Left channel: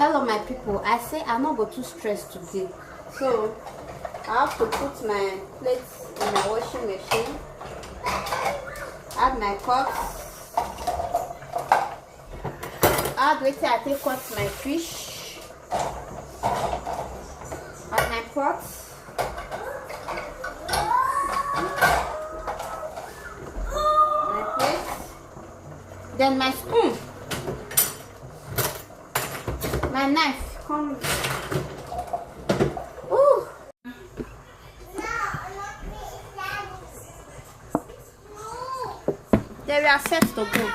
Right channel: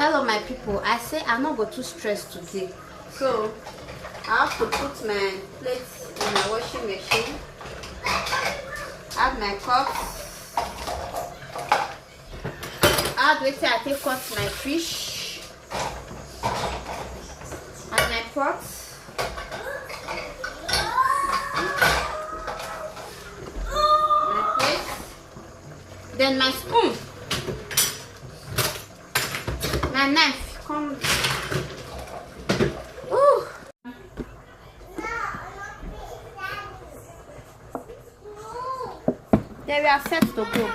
Hello my people, I say I'm not going to stress today, so I have to put my plates in my washing machine, add my cups, add wait till I take cut my fish, add my pots, my plate, then my spoon, my knife. Come. Ooh. They are set to go.